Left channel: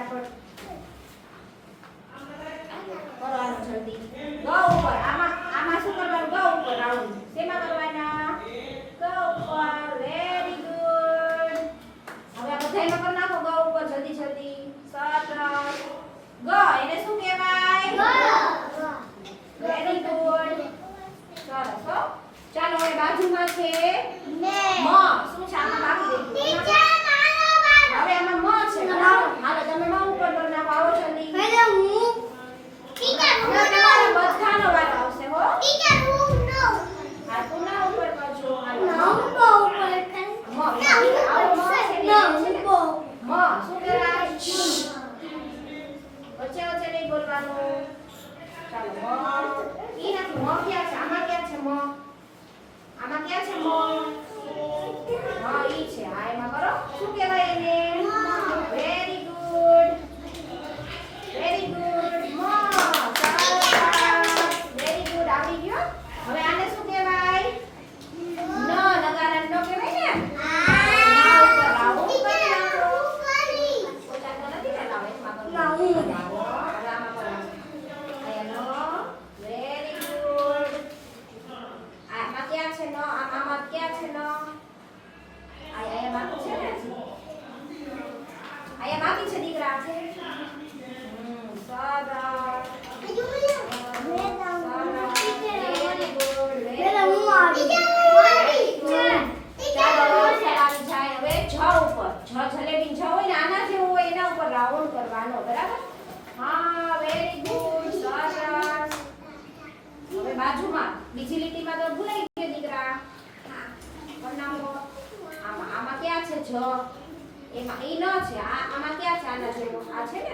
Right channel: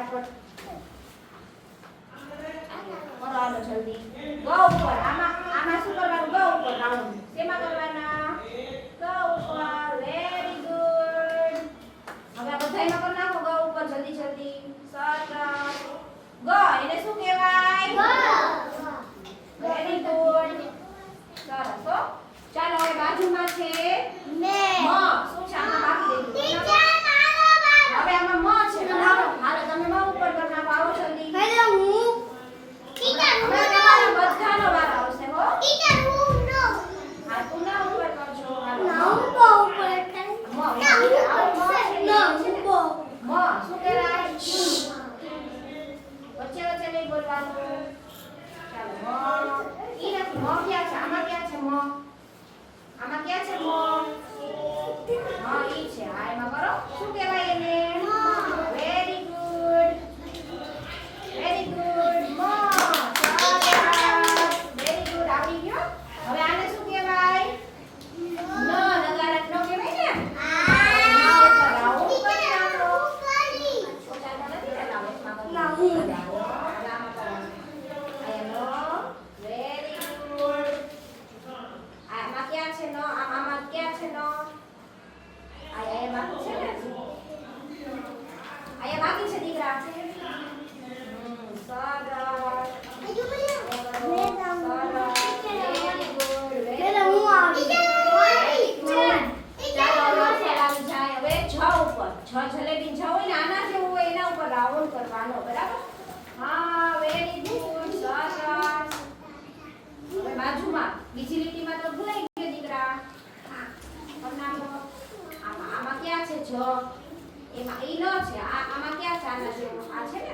ફટાફટ કરવાનો જલ્દી ગ ઉપર આમાં શું કરવાનું ગ ઉપર રાઉન્ડ શેમાં કરવાના ગ ઉપર વેરી ગુડ હવે આ બધાયમાં કરી નાખો ગ ઉપર જલ્દી જલ્દી સરસ ગ એને શું કહેવાય વેરી ગુડ સરસ હો ચાલો હવે બાજુમાં છે મ શું છે આમાં બાકી રહી ગયું હવે આમાં મ છે બરાબર હાલો તમે મ ઉપર કરી નાખો આવો જલ્દી હેલો હું ટીચર હવે તમારા બધાનો વાર આવશે હો ટીચર હું નો હા તું ના ઉપર કરજો હાલો ના હું બહુ ઉપર કર મ ના હું આવો મ છે ના હું બહુ મ શું કહેવાય વચ્ચે વચ્ચે નહીં બોલવાનું ચાલો મ ઈ નથી મ ક્યાં છે આમાં ક્યાં છે મ આમાં ક્યાં છે મ હા ઈ છે હા એમાં કરો શું કહેવાય એને વેરી ગુડ વેરી ગુડ મ સરસ વેરી ગુડ આવડી ગયો હવે આને શું કહેવાય ન નગારા ન કહેવાય ને ના ઉપર રાઉન્ડ કરી નાખો પોતાના નથી બનાવો એમાં ના હું આમાં કરવાનું આયા ન વેરી ગુડ આમાં ક્યાં છે ન આમાં ક્યાં છે ન આયા બાકી છે ને આયા બાકી છે દીકરા સરસ હેલો હું આવી ચાલો હવે સવાલ જાય હવે જ ઉપર જલેબી જ હોય ને આના જેવું હોય એના ઉપર રાઉન્ડ કરવાનો બરાબર હા વેરી ગુડ સરસ હવે બાજુમાં બીજી લીટીમાં તો ભૂલાઈ ગયો દીકરા બનાવો આમાં ક્યાં છે જ એમાં ઈ ન છે આમાં ક્યાં છે આના જેવું આ છે ને